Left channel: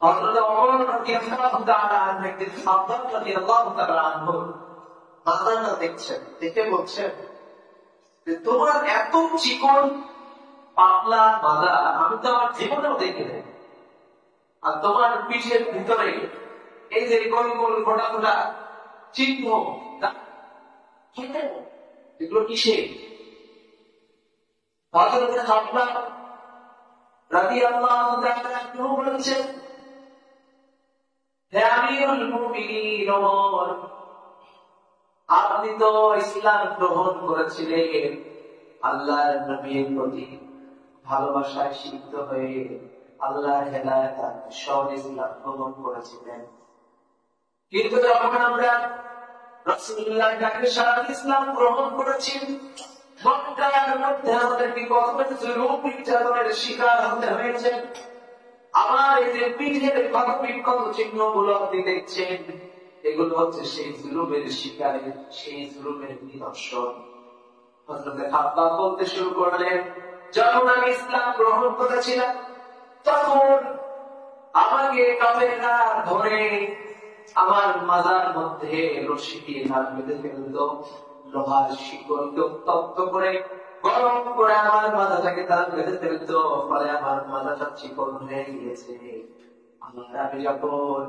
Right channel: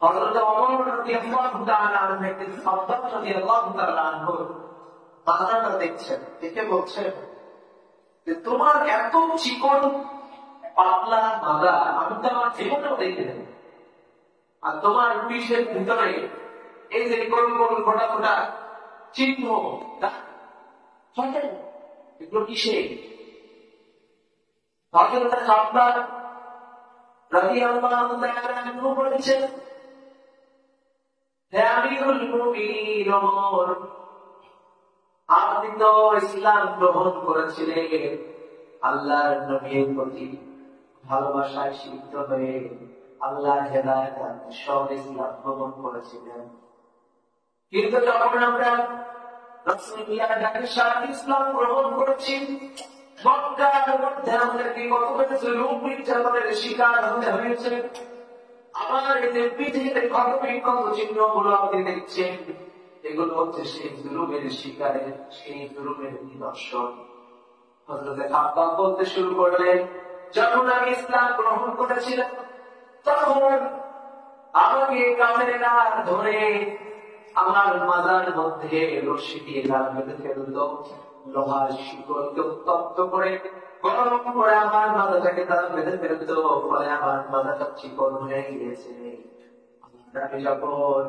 হযরত ওমর রাদিয়াল্লাহু তাআলা আনহু খাব্বাব রাদিয়াল্লাহু তাআলা আনহু মাথাটা দেখছেন, দেখে বলছেন যে তোমার এত চিকন পাতলা মাজা আমি তো আমার জীবনেও দেখিনি, আর তোমার পিঠের ভিতরে এই যে গোল গোল ফোটা ফোটা চিহ্ন, এগুলো কিসে? হযরত খাব্বাব রাদিয়াল্লাহু তাআলা আনহু বলেছেন, হে আমিরুল মুমিনিন ওমর, আপনি তো ইসলাম গ্রহণ করেছিলেন আল্লাহর নবীর প্রতি ভালোবাসায় সিক্ত হয়ে, আল্লাহর হেদায়েত সহ ইসলাম গ্রহণ করেছিলেন। কিন্তু যখন আমরা রাসূলুল্লাহর ডাকে সারা ইসলাম গ্রহণ করেছি, মক্কার মধ্যে আমাদেরকে কত জুলুম নির্যাতনের শিকার হতে হয়েছে। আমার এই যে পিঠের ক্ষত বিক্ষত চিহ্নগুলো আপনি দেখছেন, এগুলো হচ্ছে সেই জুলুমের শিকারের, সেই জুলুমের নিদর্শন। হযরত খাব্বাব বলতে শুরু করলেন, যখন আমি ইসলাম গ্রহণ করেছিলাম তখন আমাকে কাফেররা ধরে আমার মাজার মধ্যে রশি দিয়ে নাক বেঁধে ফেলতো, লোহার শিকড়কে উত্তপ্ত করে গরম করে আমার মাথাটাকে তারা বেঁধে ফেলতো, ফলে আমার মাথাটা চিকন হয়ে গিয়েছে। আমি যখন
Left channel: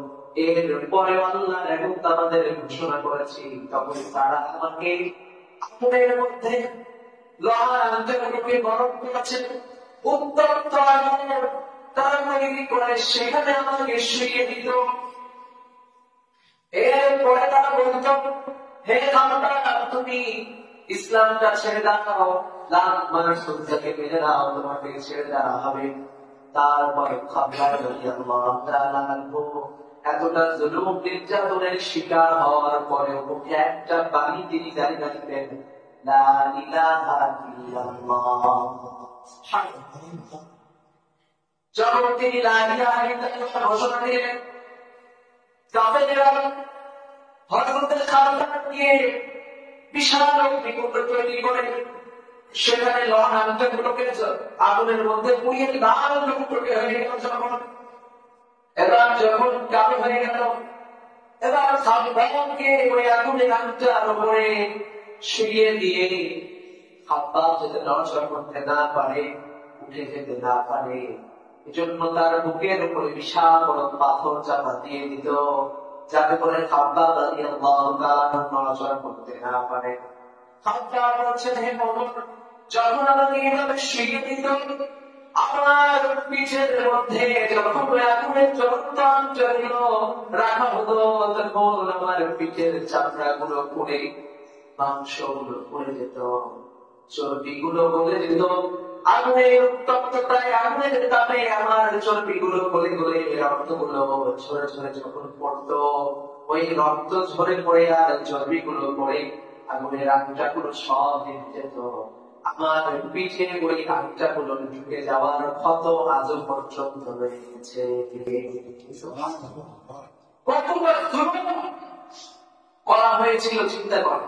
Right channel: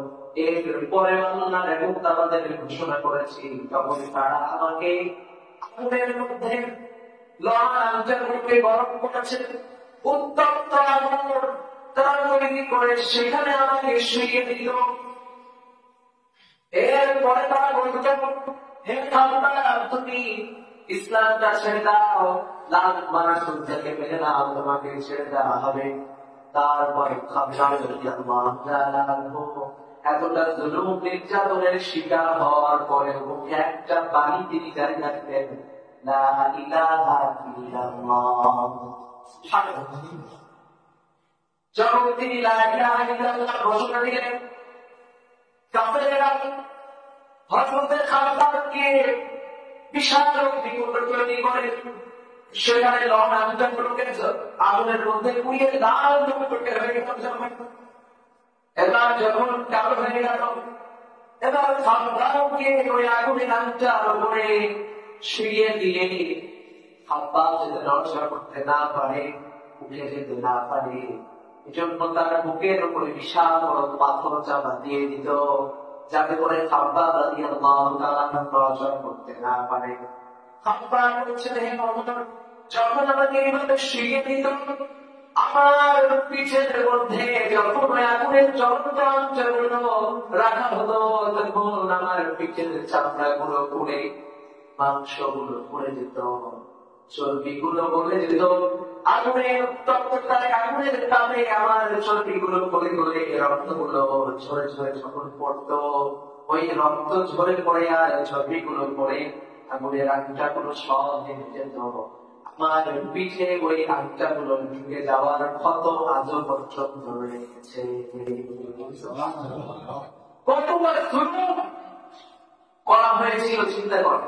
এর পরে আল্লাহর একাত্মবাদের ঘোষণা করেছি, তখন তারা আমাকে আগুনের মধ্যে লোহার আঞ্জাগুলোকে গরম করেছে, উত্তপ্ত আগুন তারা তৈরি করে সেখানে আমাকে শুইয়ে দিত। এরপরে তারা বলতো, হে খাব্বাব, তুমি ইসলামটা ছেড়ে দাও, লাখ মানুষ থেকে মেনে নাও, তোমাকে ছেড়ে দেওয়া হবে। তারপরে খাব্বাব রাদিয়াল্লাহু তাআলা আনহু এতটা জুলুম নির্যাতনের শিকার হওয়ার পরেও একটা বাণী তিনি জারি রাখলেন, লা ইলাহা ইল্লাল্লাহ। যখন তিনি লা ইলাহা ইল্লাল্লাহ ঘোষণা দিলেন, কাফেররা হযরত খাব্বাবকে বিশাল বিপদ তৈরি করে সেখানে লোহার আঞ্জাগুলোকে আগুনের মধ্যে পুড়িয়ে লাল টুকটুকে হয়ে গেল। এবার যখন কালো হয়ে গেল, এবার খাব্বাবকে ওই আগুনের আঞ্জার উপরে শুইয়ে দিয়ে খাব্বাব যাতে নড়াচড়া করতে না পারে, উঠে যেতে না পারে, এজন্য তার বুকের উপরে বিশাল বড় পাথর চাপা দিয়ে দিত, যাতে করে খাব্বাব রাদিয়াল্লাহু তাআলা নড়াচড়া করতে না পারে। খাব্বাব বলছেন, হে ওমর, যখন আমাকে এইভাবে শুইয়ে দিত, আমার পিঠের মধ্যে যখন আগুনের জ্বলন্ত অঞ্চলগুলো রাখা হতো, তখন আমার পিঠের চামড়াগুলো পুড়ে মাংসগুলো পড়ে যেত, চর্বিগুলো গলে যেত। আগুনের উত্তপ্ততায়, আগুনের তাপে আমার চর্বিগুলো গলে গলে রক্তগুলো ঝরে ঝরে যখন পড়তো, ওই রক্ত ঝরে পড়ে আর চর্বিগুলো পড়ে আগুনের আগুনটাগুলো সব নেমে যেত। আমার পিঠে ওই আগুনটাগুলো ঢুকে যাওয়ার ক্ষত আজও পর্যন্ত রয়েছে। কতবার জুলুম করা হয়েছিল চিন্তা করেন।